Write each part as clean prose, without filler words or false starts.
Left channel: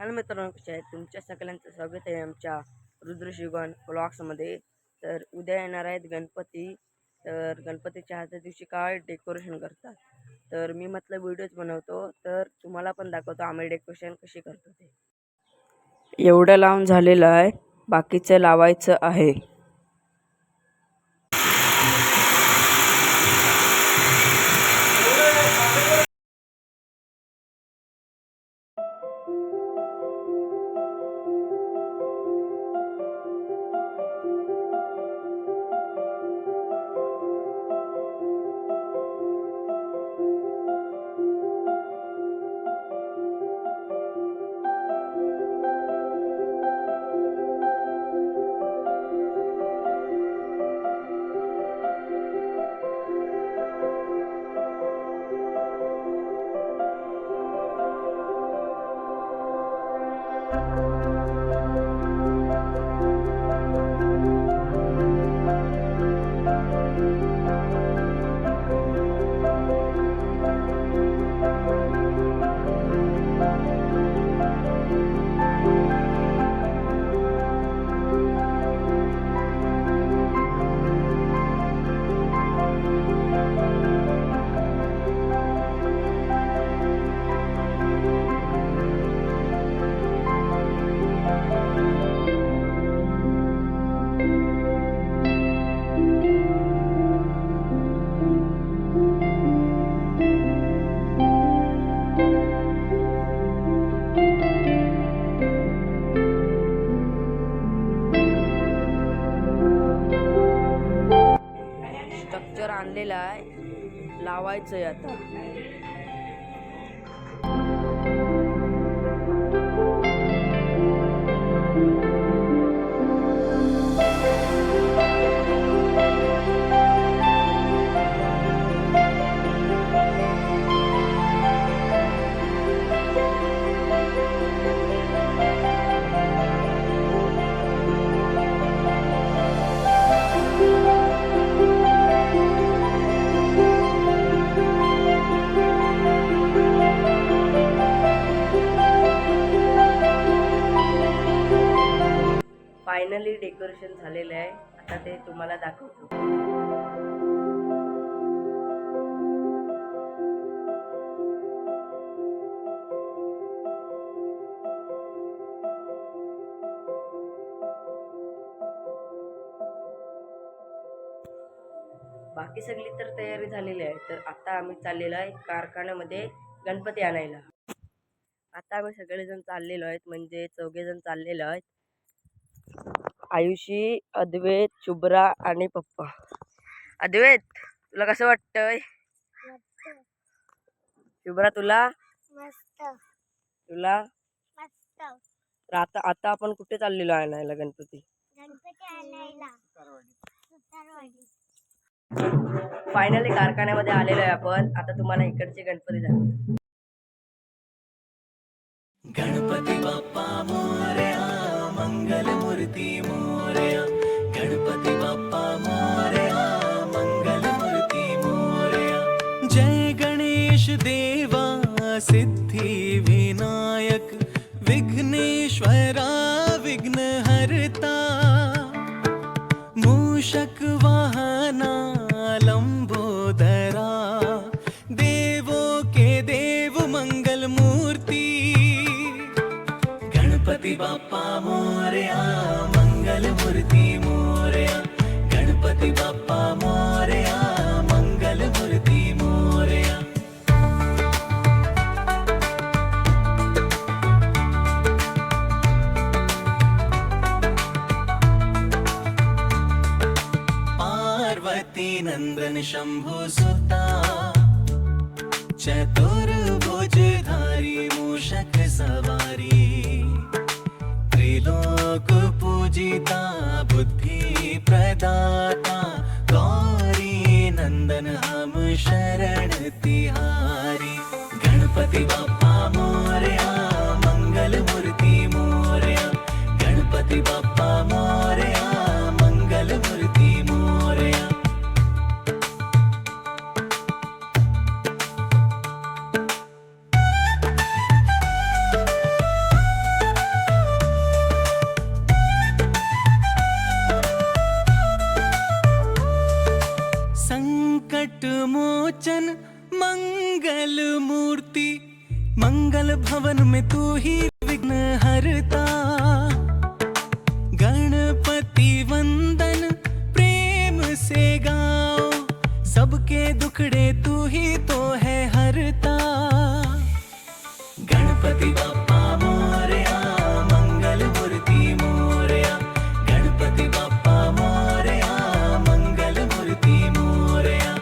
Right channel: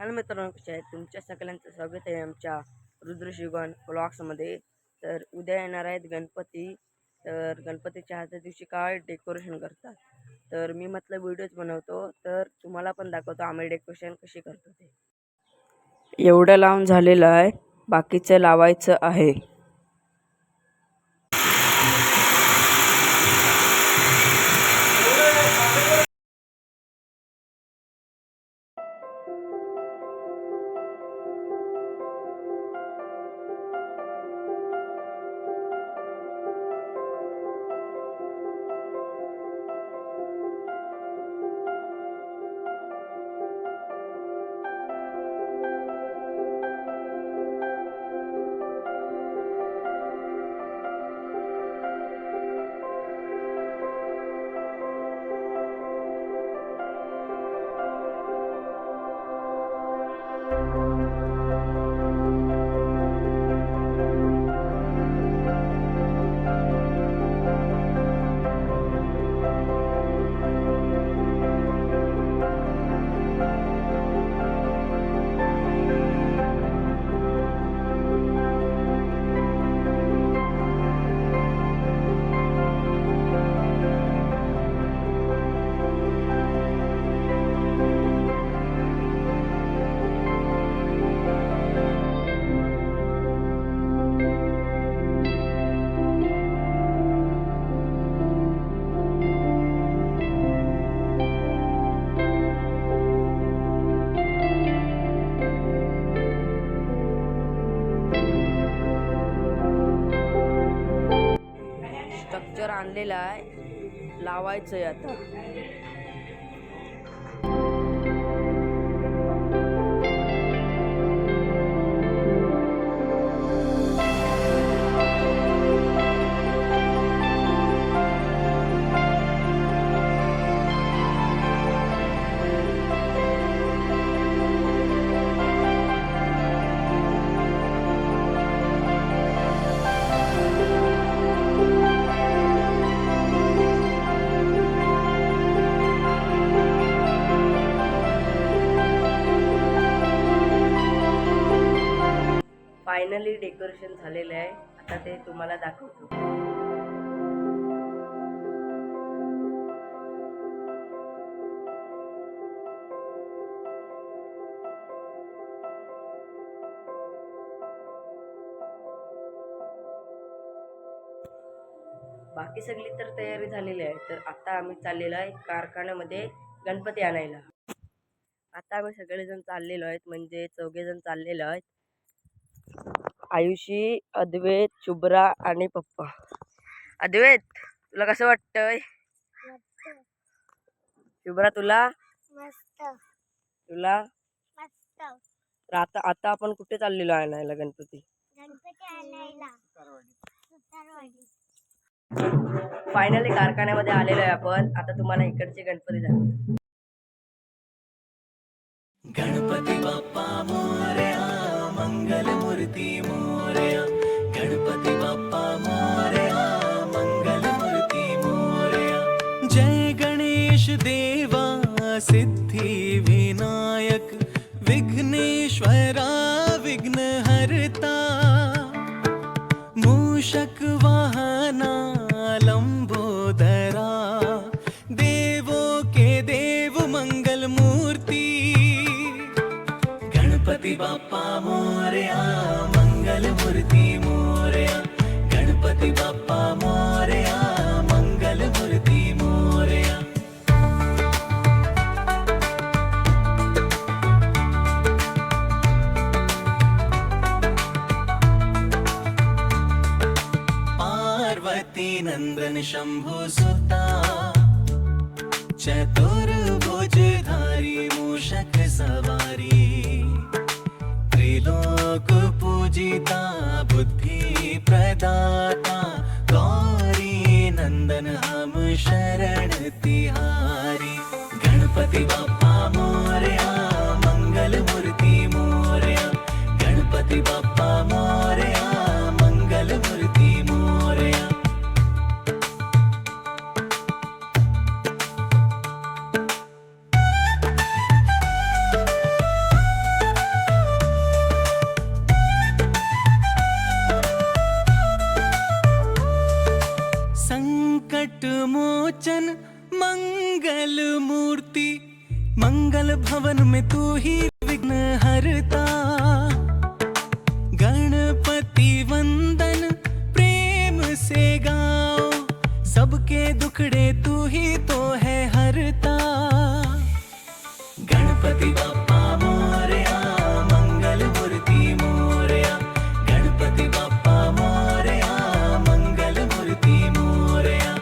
Hello मित्रांनो, कसे आहेत? तुमच्या सगळ्यांचं स्वागत आहे आमच्या रुद्रशिवगण ब्लॉग्समध्ये. तर उद्या येणार आहेत गणपती. तर गणपतीच्या आजच्या दिवशी काय डेकोरेशन करतात, तर मी म्हटलं व्हिडिओज बनवतो, तर तुम्हाला पण दाखवतो आम्ही डेकोरेशन कशी करतो ते. एवढं लावून झालेलं आहे, बाकीचं लावायचं आहे. स्ट्रक्चर आणलेलं आहे, लावायचंय आता. फायनली डेकोरेशन झालेलं आहे, आता ते तुम्हाला दाखवतो. बाकी सगळी तर तयारी झालेली आहे. तर आता आम्ही चाललेलो आहे कारखान्यामध्ये गणपती आणायला. आता आम्ही सगळेजण चाललेलो आहेत, म्हणजे चौघेजण चाललेलो आहेत. आयुषी, अद्वैत, शुभ्रा आणि पप्पा. अद्वैत, तुला कसं वाटतंय? शुभ्रा, तुला? मस्त. तुला? मस्त. तर आता आता आपण कुठे चाललेलो आहे आणायला गणपती? गणपती आणायला सुतारवाडी. फायनली कारखान्यामध्ये आलेलो आहे आपण. आता तुम्हाला इकडचे गणपती दाखवतो. गणपती बाप्पा मोरया, मंगल मूर्ती मोरया. गणपती बाप्पा मोरया, मंगल मूर्ती मोरया. जय गणेश देवा, सिद्धी विनायक, विघ्नेश्वरा, विघ्नहर्ता. मूषक वाहना, लंबोदरा, देवो के देव, मंगल मूर्ती. गणपती बाप्पा मोरया, मंगल मूर्ती मोरया. गणपती बाप्पा मोरया, मंगल मूर्ती मोरया. पार्वती नंदन शंभु सुता, चतुर्भुजधारी मूषक सवारी. त्रिलोक पूजिता, बुद्धि प्रदाता, गौरी नंदन हम शरण तिहारी. गणपती बाप्पा मोरया, मंगल मूर्ती मोरया. गणपती बाप्पा मोरया, मंगल मूर्ती मोरया. लोचन मंगल मूर्ति, मंगल भवन में तू ही विघ्न हरता। गणपति वंदन प्रेम से गाओ, सबके दुखड़े तू ही तो है हरता। गणपति बाप्पा मोरया, मंगल मूर्ति मोरया। गणपति बाप्पा मोरया, मंगल मूर्ति मोरया।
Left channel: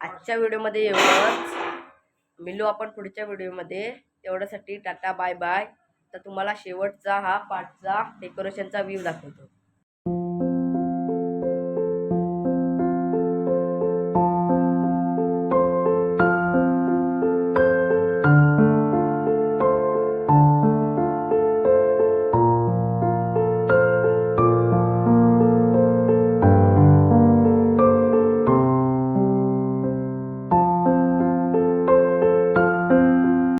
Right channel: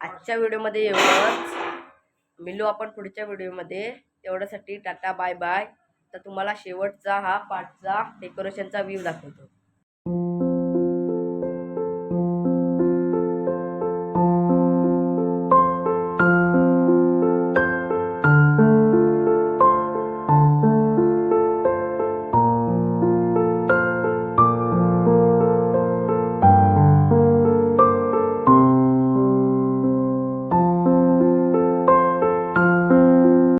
आजच्या व्हिडिओमध्ये एवढंच. मिळू आपण पुढच्या व्हिडिओमध्ये. तेवढ्यासाठी टाटा बाय बाय. तर तुम्हाला शेवटचा हा पार्टचा डेकोरेशनचा व्ह्यू दाखवतो.